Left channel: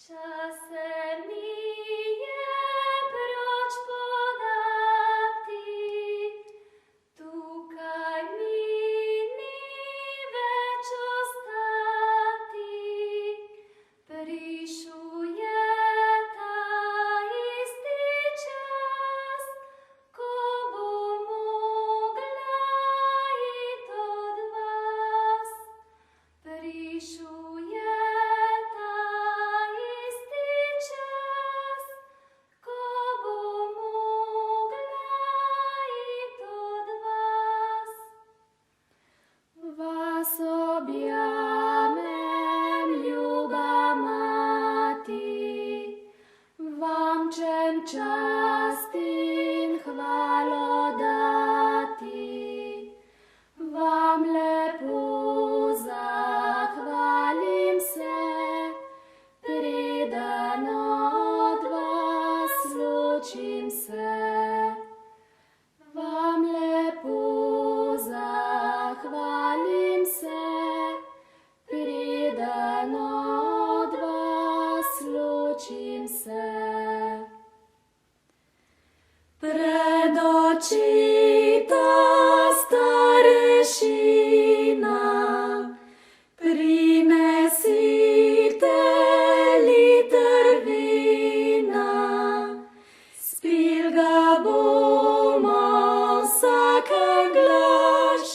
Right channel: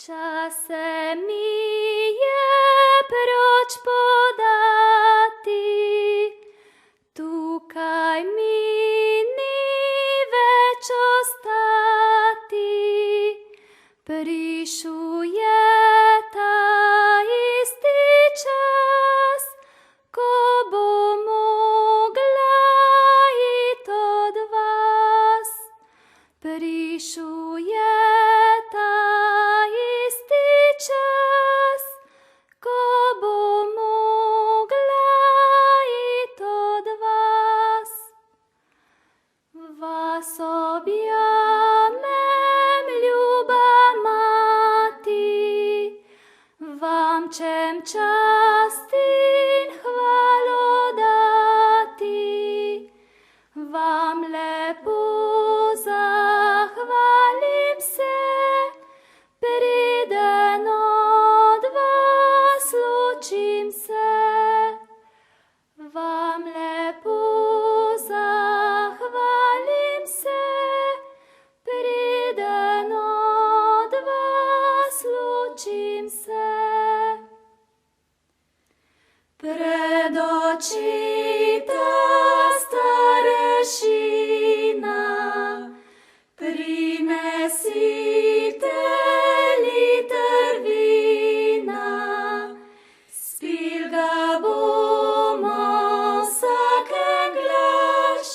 Časem mi je proč podati, tukaj mi ni več ostati. Prišel je ta isti čas, ko bom mogla iti od vas. Prišel je ta isti čas, ko bom mogla iti od vas. Vas objamem, ljuba mati, vam čem čast in hvalo dati. Vam lepo zahvalim se, preden od vas ločim se. Vam lepo zahvalim se, preden od vas ločim se. Pred oči ta starešina, prinesite liter vina. Spil ga bomo vsaken glaš,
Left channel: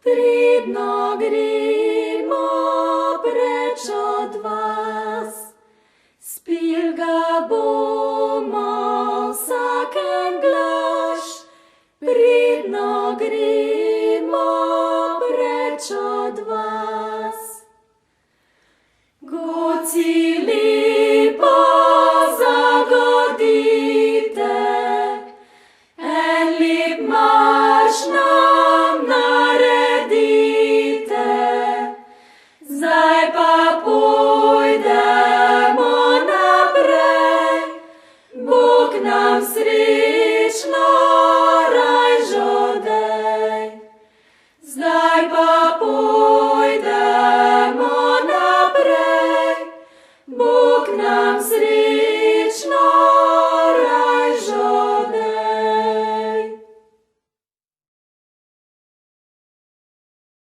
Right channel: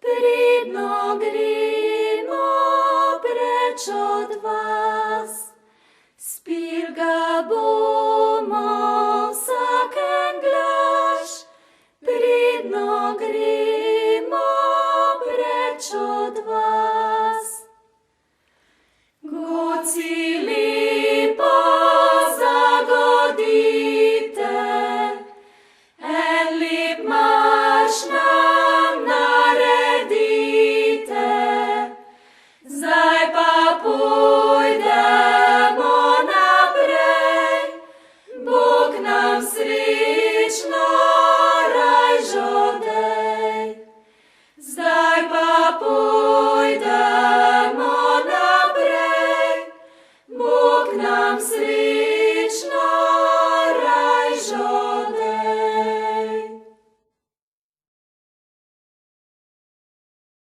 pridno gremo preč od vas. Spil ga bomo vsaken glaš, pridno gremo preč od vas. Goci lepo zagodite, en lep marš nam naredite. Zdaj pa pojdemo naprej, Bog nam srečno raj žodej. Zdaj pa pojdemo naprej, Bog nam srečno